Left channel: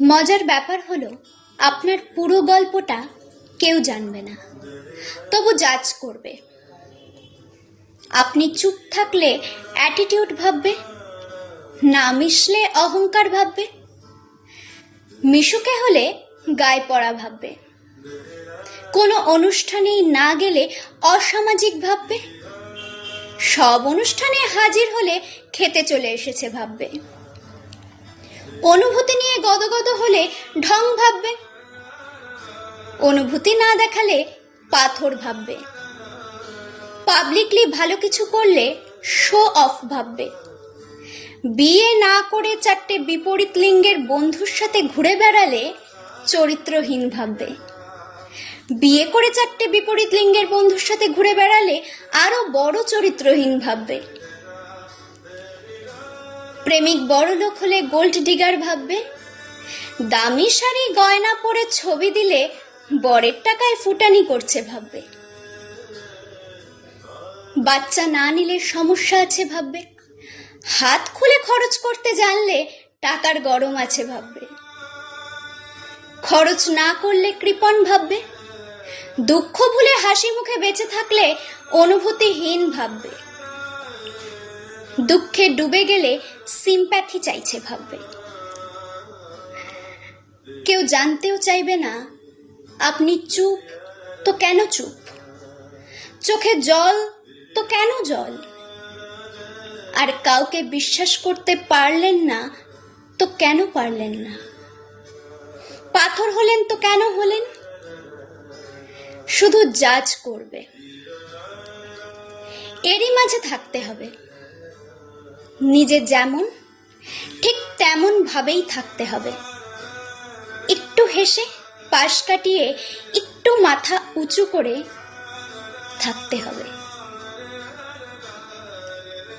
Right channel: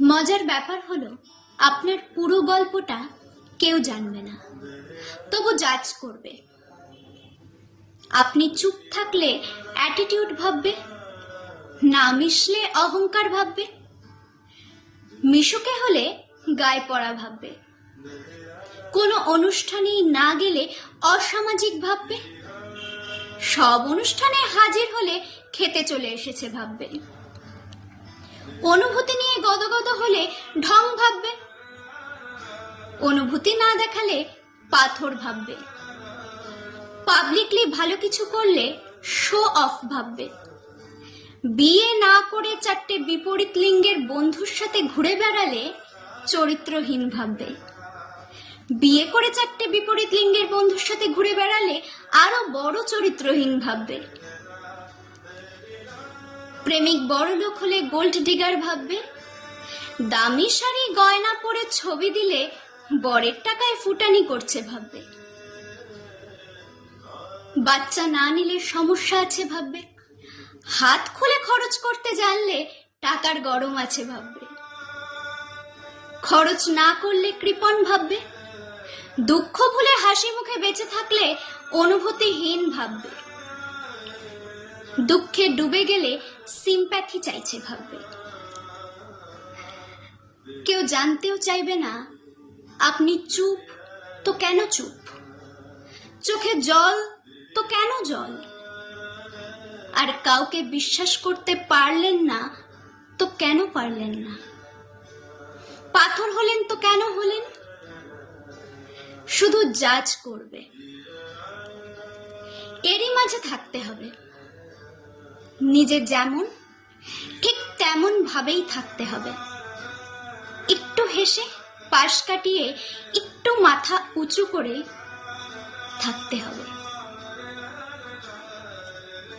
মজার ব্যাপার হলো আপনার পুরো গল্পটা কেউ জানবে না, তবু জাজ করবে। আপনি চুপ থাকলে অ্যাটিটিউড ভাববে, না মিশলে অহংকার ভাববে, মিশুকে হলে গায়ে পড়া ভাববে, কোনো অনুষ্ঠানেই না গেলে অসামাজিক ভাববে, সব অনুষ্ঠানে হাজির হলে খেতে চলে এসেছে ভাববে, অনুভূতি নিয়ে গদগদ হলে ঢং ভাববে, অনুভূতি না দেখালে পাথর ভাববে, পাবলিকলি ভালো কিছু করলে শো অফ ভাববে, বিয়ে না করে 4টে বিপরীত লিঙ্গের বন্ধুর সাথে ঘুরে বেড়ালে চরিত্রহীন ভাববে, বিয়ে করে 4টে বিপরীত লিঙ্গের বন্ধুর সাথে ঘুরে বেড়ালে আরো বড় চরিত্রহীন ভাববে, প্রেমিক বড় লোক হলে গোল্ড ডিগার ভাববে, দামি শাড়ি গয়না পরে ছবি দিলে বরের টাকায় ফুটানি করছে ভাববে, বাচ্চা না নিলে সমস্যা আছে ভাববে, হাত খুলে খরচ করতে জানলে টাকার গরম আছে ভাববে, খরচ না করলে কৃপণ ভাববে, দুঃখ ভুলে হাসি মুখে বেঁচে থাকলে অনুভূতিহীন ভাববে, দুঃখে ডুবে গেলে সিম্প্যাথি চাইছে ভাববে। কেউ জানতেও চাইবে না আপনি চুপ তো কেন চুপ, চোখে জল তো কেন জল, আর কাউকে বিশ্বাস করতে পারলেন না তো কেন পারলেন না, পাথর হলেন তো কেন হলেন, শুধু জাজ করবে। এরই মাঝে থাকতে হবে, নিজে যেমন ঠিক তেমন ভাবেই থাকতে হবে, একটু হেসে পাশ কাটিয়ে একটু মাথা উঁচু করে থাকতে হবে।